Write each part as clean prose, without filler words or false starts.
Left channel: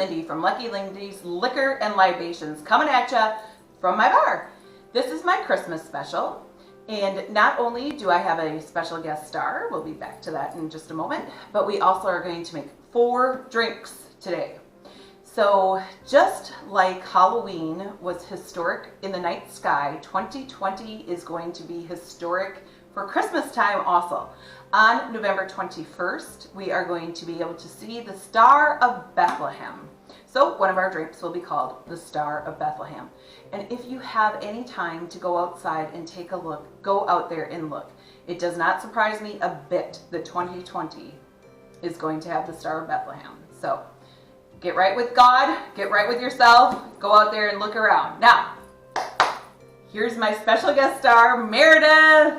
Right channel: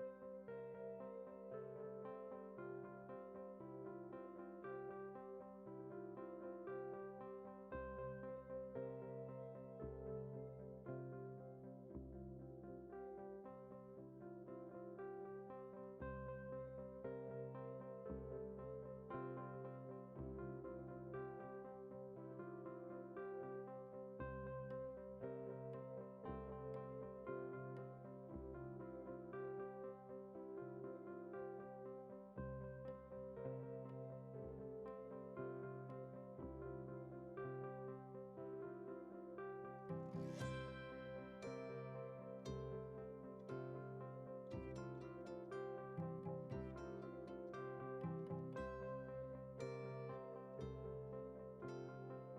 Lindy from Lucky Lindys Liquor and Libations, coming at ya from my bar. This is my Christmas special, and not only do I have a special guest star, we'll be back to that in just a moment, but we also are going to make 4 drinks today. So just like Halloween was historic in the night sky, 2020 is going to be historic for Christmas time also. On November 21st, we are going to be able to see the Star of Bethlehem. So one of our drinks will be called the Star of Bethlehem. And if you have any time to go outside and take a look, go out there and look. It does not surprise me a bit that 2020 is going to have the Star of Bethlehem. So get right with God, get right with yourself, go out there and look around. Now, here's my special guest star, Meredith.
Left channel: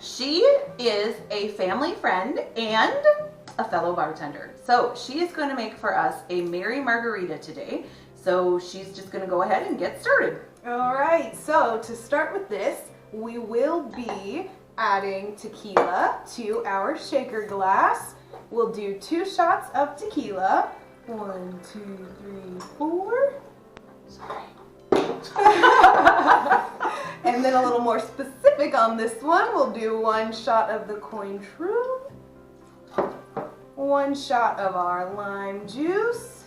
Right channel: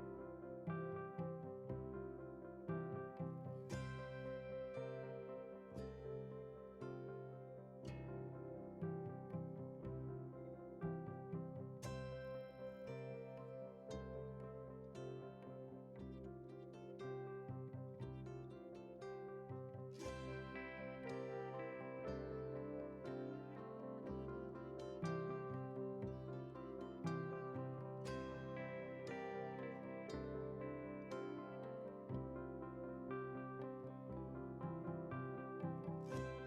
She is a family friend and a fellow bartender. So she is going to make for us a Merry Margarita today. So she's just going to go ahead and get started. All right, so to start with this, we will be adding tequila to our shaker glass. We'll do 2 shots of tequila. 1, 2, 3, 4. Sorry. And then a little more specific on this one, we'll do 1 shot of the COINTREAU, 1 shot of our lime juice,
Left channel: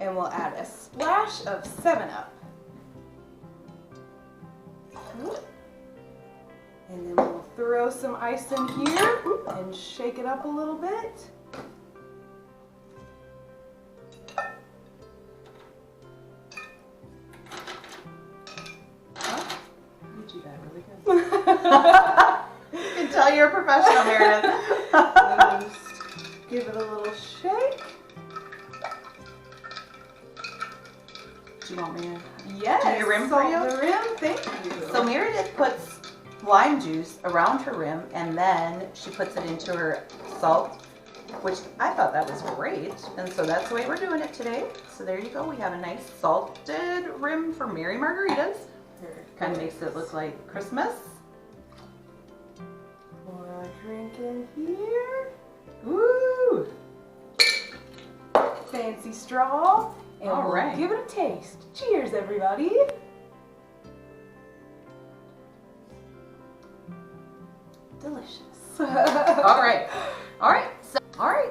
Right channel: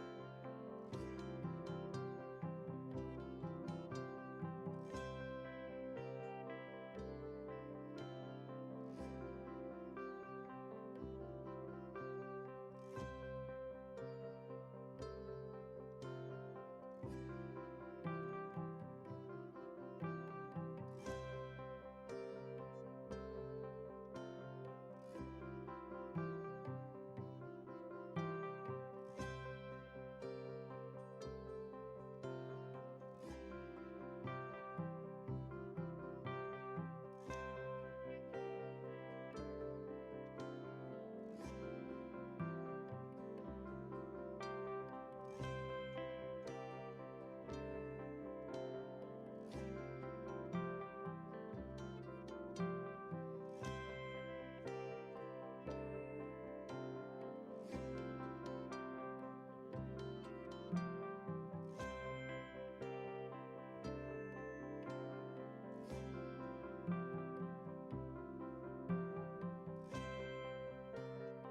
and we'll add a splash of 7-Up. And then we'll throw some ice in here and shake it up a little bit. You can tell you're a professional, Meredith. Just give it a little shake. Do you want me to Yes. do your rim for you? The rim, thank you. So Meredith puts lime juice around her rim, and then she puts it into her salt, which I thought that was great. And so that's the way we're doing it today. So there you go. We have a nice salted rim for Merry Margaritas. Kind of makes it look like Christmas. Pour a drink in here. Woo! Fancy straw. And All right. we'll give it a taste. Cheers, everybody. Delicious. All right.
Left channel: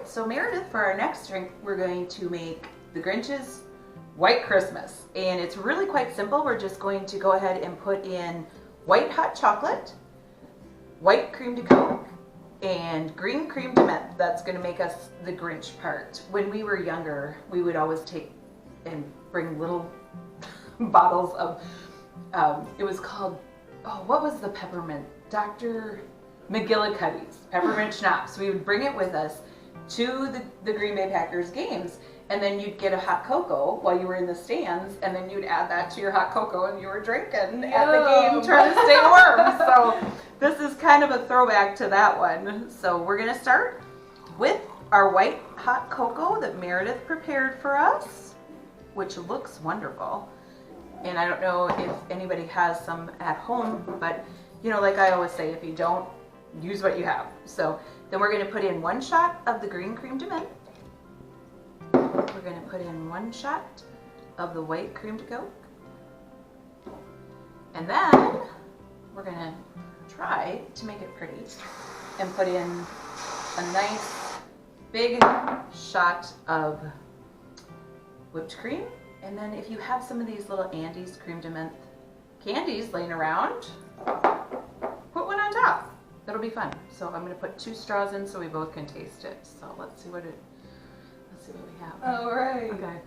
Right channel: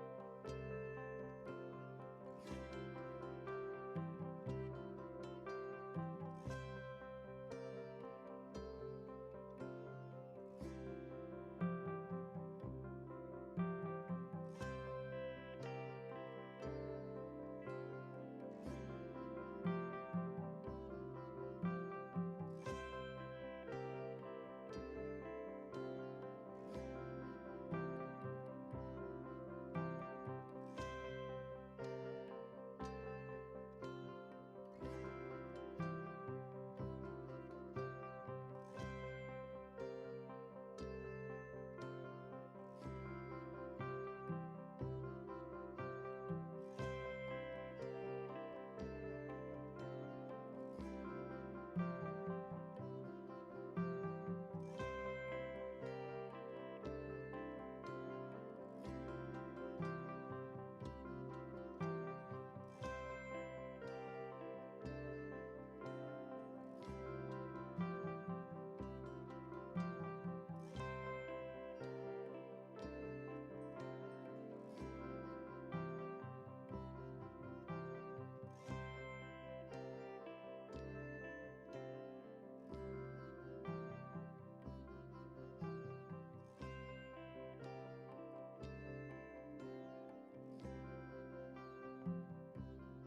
So Meredith, for our next drink, we're going to make the GRINCH'S White Christmas. And it's really quite simple. We're just going to go ahead and put in white hot chocolate, white cream de coke, and green cream de menthe. That's going to make us the Grinch part. When we were younger, we would always take and bring little bottles of, it was called, oh, what was the peppermint? Dr. McGillicuddy's peppermint schnapps. We would bring it with us to the Green Bay Packers games, and then you'd get a hot cocoa while you were in the stands, and then you'd add that to your hot cocoa and you were drinking at the game trying to stay warm. So this is kind of a throwback to that one. So we're going to start with our white hot cocoa that Meredith prepared for us, which looks wonderful. And I don't know if anybody has some at home, but you know, like I always say, if you don't, use what you have. So then we're going to put in 1 shot of the green cream de menthe. We're going to put in 1 shot of the white cream de coke. And then we're going to try to make it pretty and put in a nice big shot of whipped cream. And then if you have some of these little Andes cream de menthe candies laying around, put 1 on top. That'll be fun. So I'm going to put 2 straws in so we both can taste it. So let's see what we have. All right. Okay.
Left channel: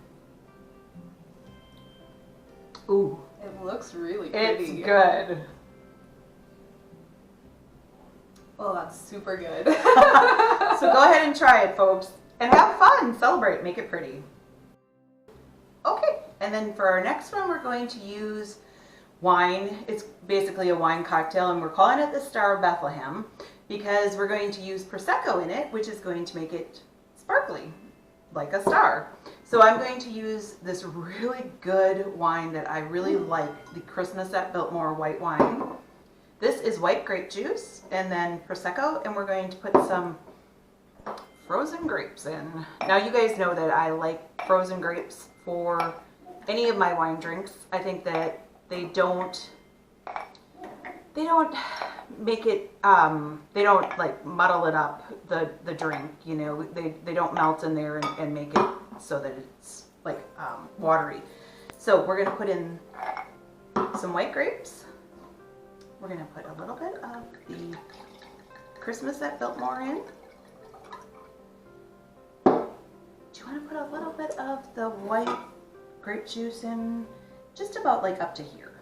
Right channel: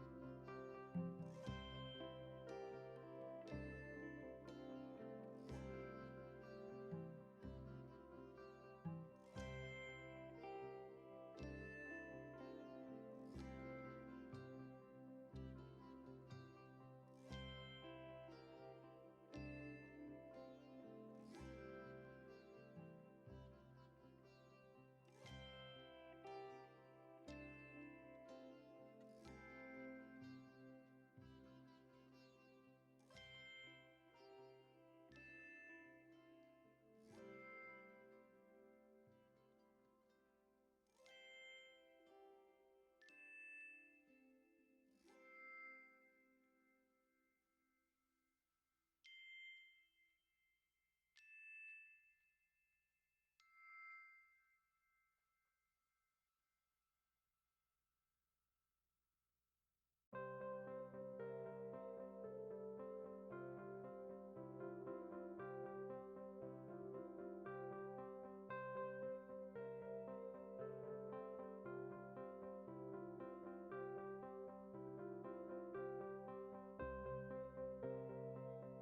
Ooh. It looks really pretty. It's good. Well, that's super good. So go ahead and try it, folks. And have fun. Celebrate. Make it pretty. Okay. And then for our next one, we're going to use wine. It's basically a wine cocktail, and we're calling it the Star of Bethlehem because we're going to use Prosecco in it, which is going to make it sparkly, like a star. So I'm going to use this really good wine that I really like, the Christmas at Biltmore white wine. This is white grape juice and then Prosecco, and we're going to put some frozen grapes in. Now you guys know that I like frozen grapes for any of my wine drinks. I think that they don't make it, they don't like muddle it up, the drink, you know, they don't melt in there and make it so that it's like watery. So we're gonna put in some white grapes. We're gonna put a little bit of the Christmas at Biltmore in. Do you wanna put a little bit of the white grape juice in? Just about like up to here.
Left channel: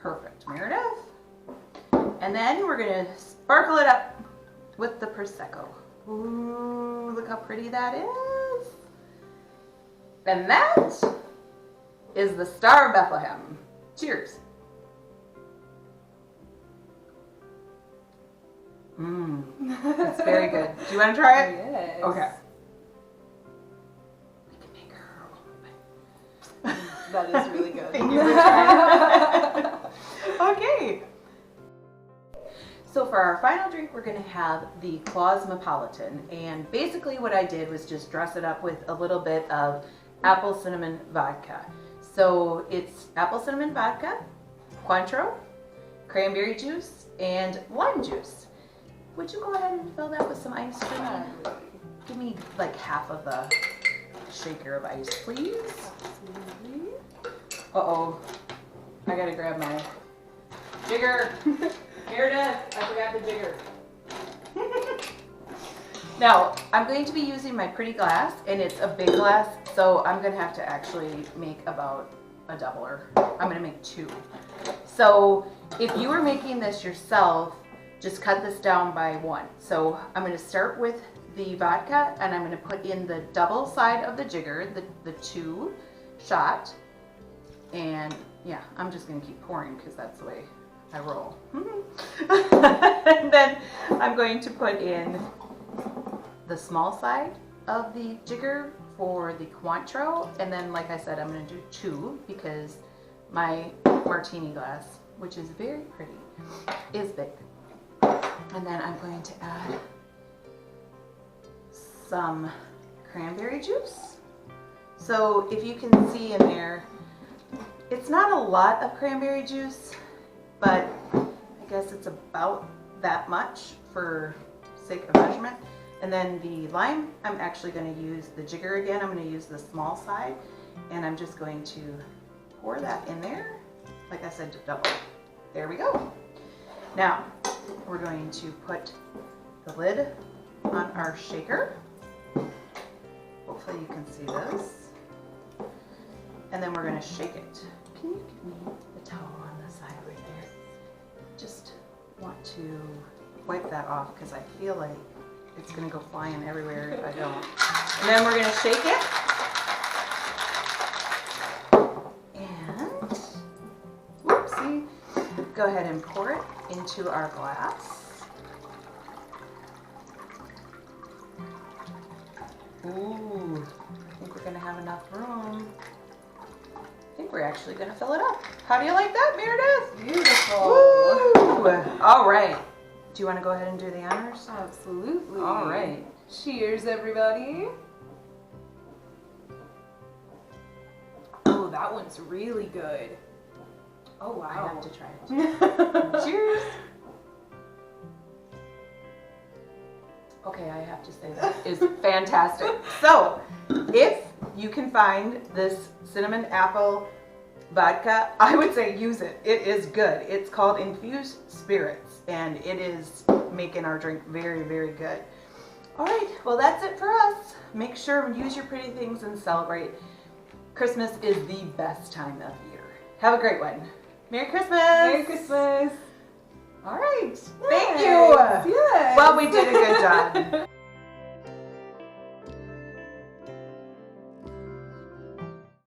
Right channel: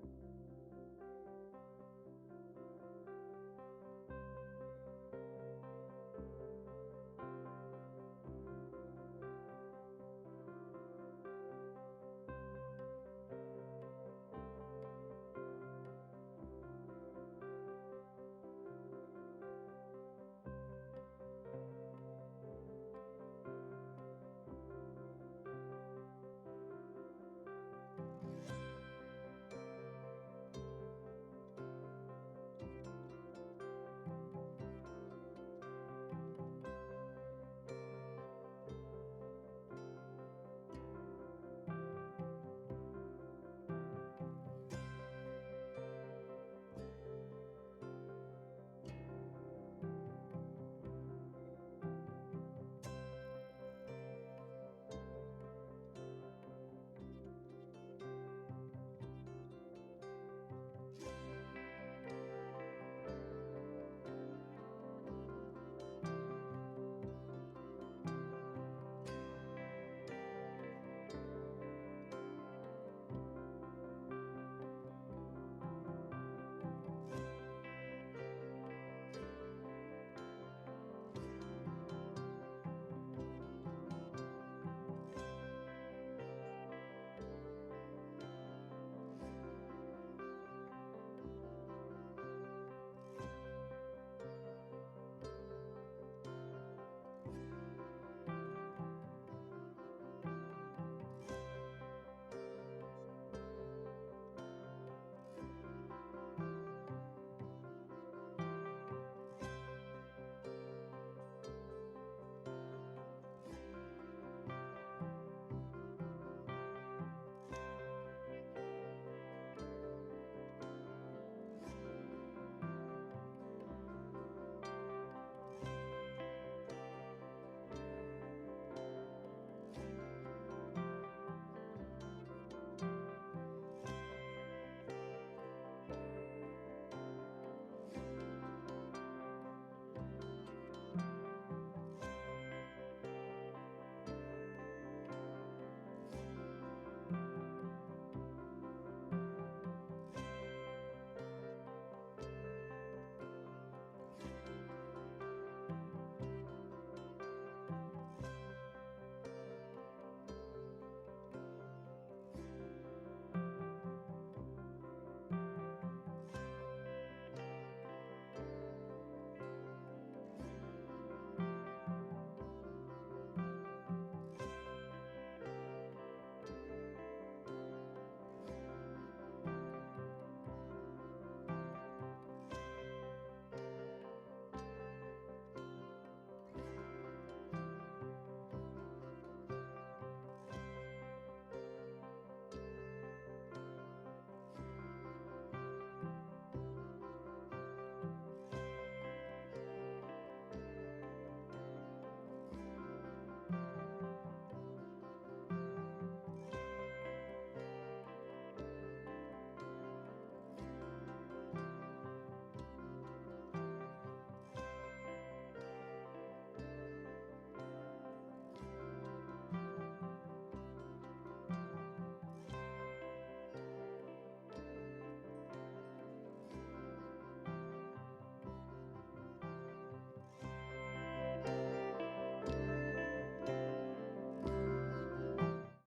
Perfect, Meredith. And then we're gonna sparkle it up with the Prosecco. Ooh, look how pretty that is. And that is the Star of Bethlehem. Cheers. Mmm, that's very good. Do you want to try it? Yes. Okay. We can make her. That is really good. Thank you for trying. Okay. So for our final drink, we're going to have the CLAUSMOPOLITAN. And basically what I did was just dress it up with a little bit of apple cinnamon vodka. So it's apple cinnamon vodka, COINTREAU, cranberry juice, and lime juice. Would you go ahead and fill that with some ice cream? Give me like half of a shaker of ice, please. Uh-oh. I gotta grab my jigger. Meredith, I forgot the jigger. Now, I'm going to be using my pretty glass, and it's a big glass, so I'm gonna have to actually make about a doubler. I'm gonna make 2. So if you were making this yourself, just cut this down by 1. So I'm gonna start with the vodka, and I'm gonna put in the double side of the jigger, the 2 shot. And yeah, I'm just gonna keep pouring because that's the way I roll. And then I'm going to put in the small side of the jigger for the COINTREAU, and then like I said, I'm gonna do 2 because my martini glass, which is very pretty, is big. And then I'm going to add some cranberry juice. So if you can see in there, it's not a lot of cranberry juice, but I guess it's about that much for sake of measurement. And then the lime, I'm actually going to use the jigger again. I'm going to use the small side, and I'm just going to pour that in there. Like I said, to double. There we go. Now, we're going to put the lid on our shaker. Hopefully you can see this. And then we're going to shake it. Can you give me the towel on the side right there? Just want to wipe that off because I feel like it's going to go flying everywhere if I don't. And then we're going to shake it. And, whoopsie, go ahead and pour it into our glass. Ooh, I think we're going to have enough room. I think we're actually going to fill it up. How do you like that, Meredith? Beautiful. Woo! All right. Do you want to go ahead and do the honors? Absolutely. All right. Cheers, everybody. Oh, that one's really good. Oh, wow. I have to try it. Cheers. Okay, I have to say that is fantastic. So, if you can find this cinnamon apple vodka, I would say use it. It is good. It's called Infused Spirits, and it is making our drink very, very good. All right, well, that's it for us. Make sure and use your pretty things and celebrate. Christmas is the best time of year. Have a great one. Merry Christmas. Merry Christmas. All right. Thank you. Yes. Well, we did a good job.